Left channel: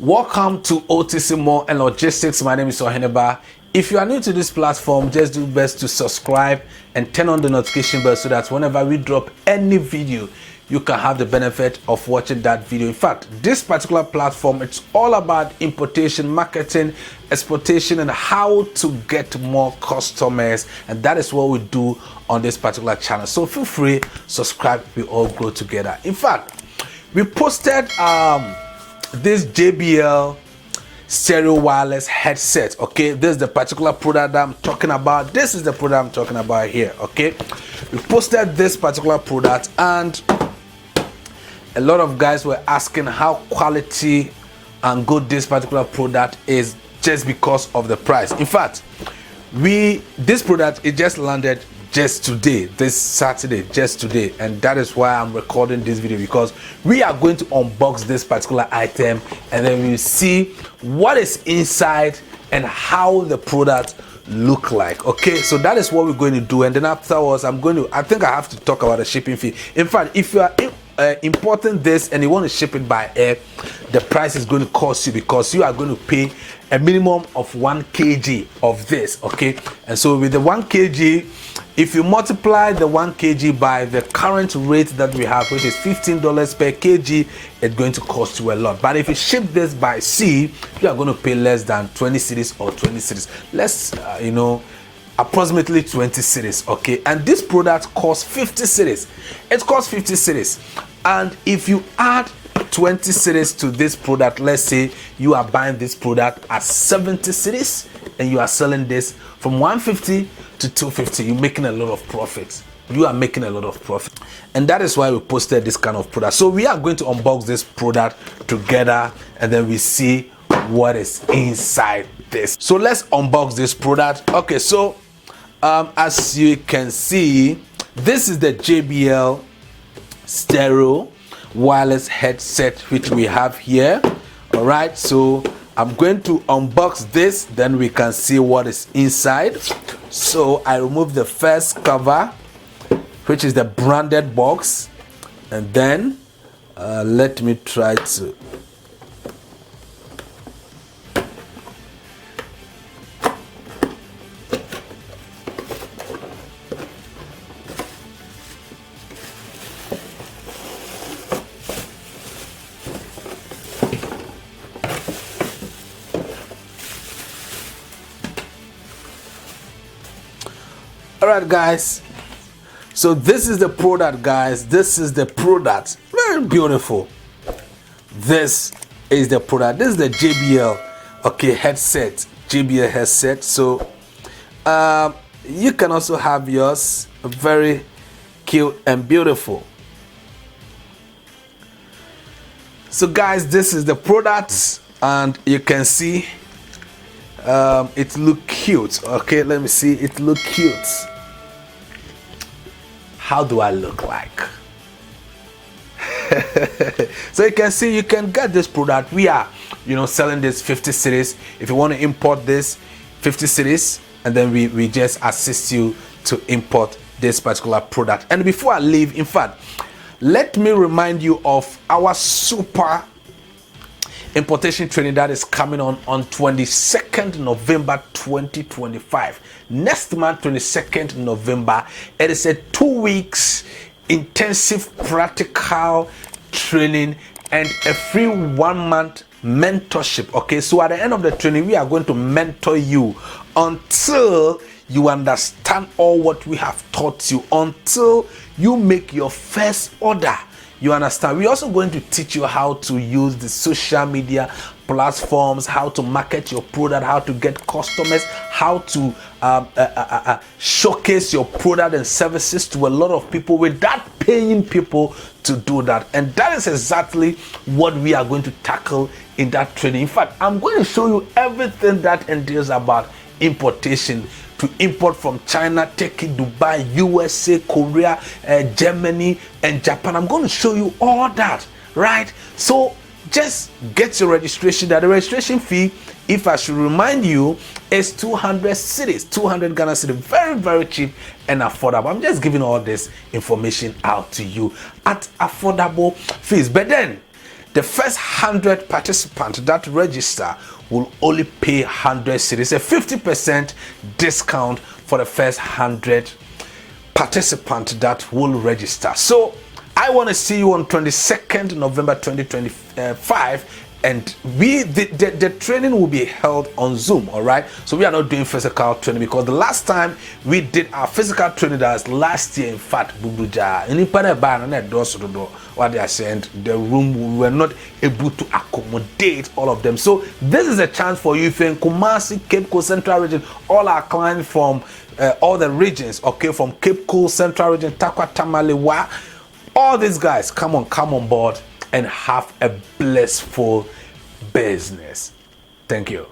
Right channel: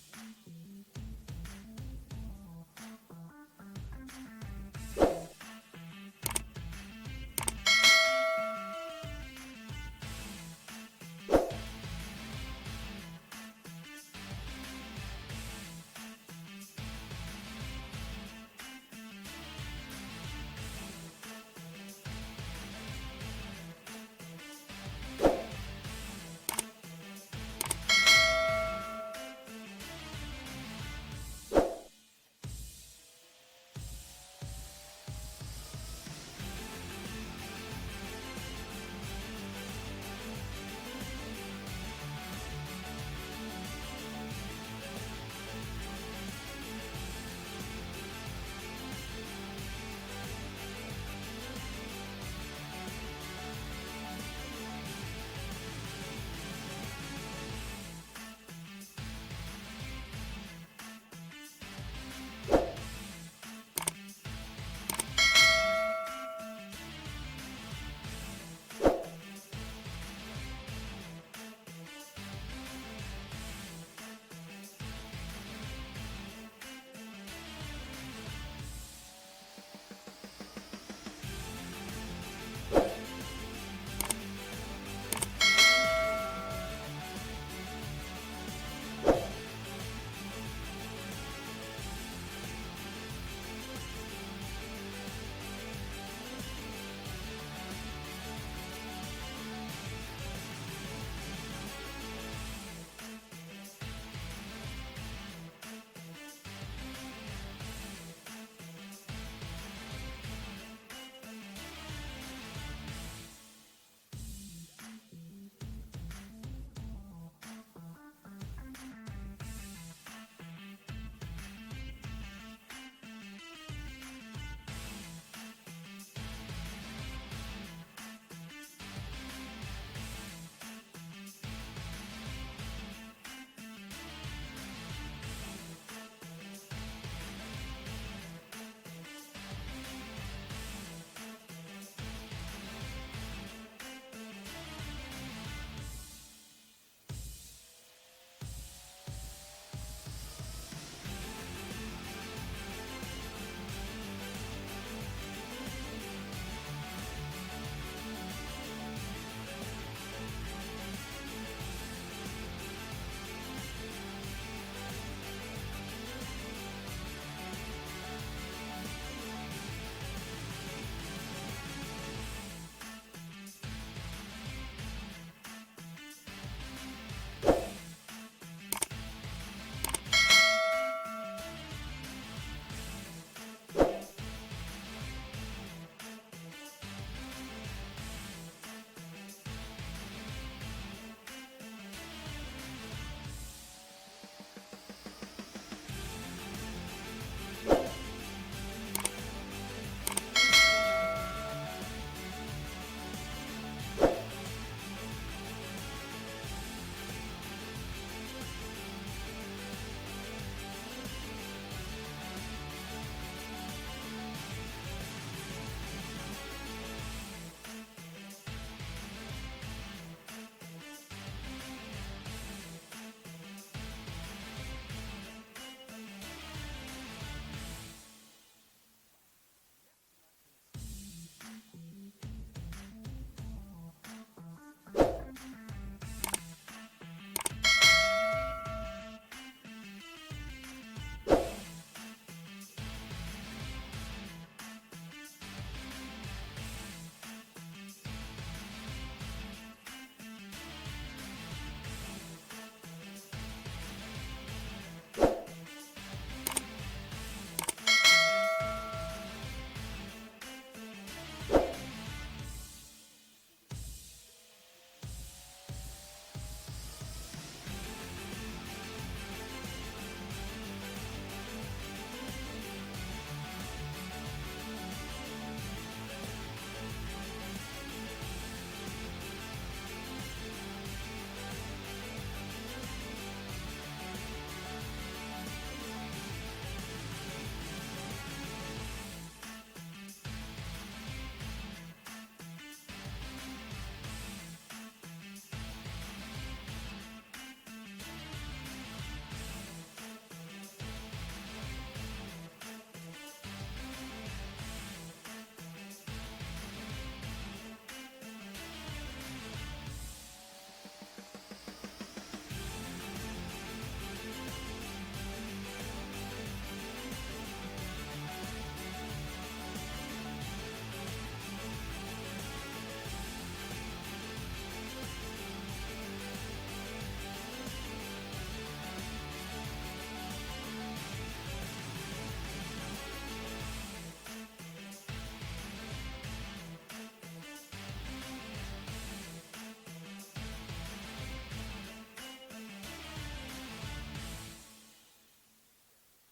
Welcome to OTC More and Logistics. My name is Oheneba. If you are new to this platform, just do best to subscribe and turn on the notification bell so that whenever we drop any video, you can have the benefit of watching that video. In fact, this particular platform, it's all about importation, marketing, exportation, and how to get more customers. And that is what we do on this particular channel. So feel free, subscribe, we all grow together. In fact, we posted this JBL Stereo Wireless Headset. Okay, this is the particular product that I'm talking about. This is the product I'm talking about here. Okay, we posted this particular product and a lot of guys were asking how quality and good this particular product is just because of the price. In fact, this product, it just landed just today, this Saturday, just today, and that is why I'm recording this video, because we are going to unbox this particular item and then we'll see what is inside and how the product look like. Okay, so that is what we're going to do, and then afterwards I think I have to talk about the shipping fee. In fact, if you are importing this and you want to ship it by air, the price is going to cost you, because you are going to pay a minimum of 1 kg of this. Okay, and so with the 1 kg, if you multiply the 1 kg by the current rate that we have, which is $15 per kg, it's going to cost you a lot. But if you ship this by sea, you are going to pay less than 20 cedis or 20 cedis, less, approximately 20 cedis. Okay, and this product costs 50 cedis. It costs 50 cedis, and if you add 20 cedis to this product, let's say you are buying this product at 70 cedis and you are selling this from 150 to 250, you're making a lot of profit. You are making a lot of profit, and that is why we posted this kind of product. So we are going to unbox this product together and then we see what is inside this. So let's unbox this product. Okay, so as you can see, this is the JBL Stereo Wireless Headset which we have here. All right, so I'm going to unbox this, then we can see what is inside. So I remove the first cover, which is the branded box, and then let me try to Alright guys, so this is the product, guys. This is the product. Very beautiful. This is the product. This is the JBL headset. JBL headset. So you can also have yours. Very cute and beautiful. So guys, this is the product, and you can see it look cute. Okay, let me see. It look cute. How do I look like? So you can see, you can get this product. We are selling this 50 cedis. If you want to import this, 50 cedis, and then we just assist you to import this particular product. And before I leave, in fact, let me remind you of our super importation training that is coming on 22nd November 2025. Next month, 22nd November, it is a 2 weeks intensive practical training and a free 1 month mentorship. Okay, so at the end of the training, we are going to mentor you until you understand all what we have taught you, until you make your first order. You understand? We're also going to teach you how to use the social media platforms, how to market your product, how to get customers, how to showcase your product and services to a lot of people without paying people to do that. And that is exactly what we are going to tackle in that training. In fact, I'm going to show you everything that entails about importation. To import from China, Turkey, Dubai, USA, Korea, Germany, and Japan. I'm going to show you all that, right? So just get your registration. That the registration fee, if I should remind you, is 200 cedis, 200 Ghana cedis. Very, very cheap and affordable. I'm just giving all this information out to you at affordable fees. But then the first 100 participants that register will only pay 100 cedis, a 50% discount for the first 100 participants that will register. So I want to see you on 22nd November 2025, and the training will be held on Zoom. All right, so we are not doing physical training because the last time we did our physical training, that was last year. In fact, what they are saying, the room, we were not able to accommodate all of them. So this is a chance for you. If you're in Kumasi, Cape Coast, Central Region, all our clients from all the regions, okay, from Cape Coast, Central Region, Takwa, Tamale, all these guys, come on board and have a blissful business. Thank you.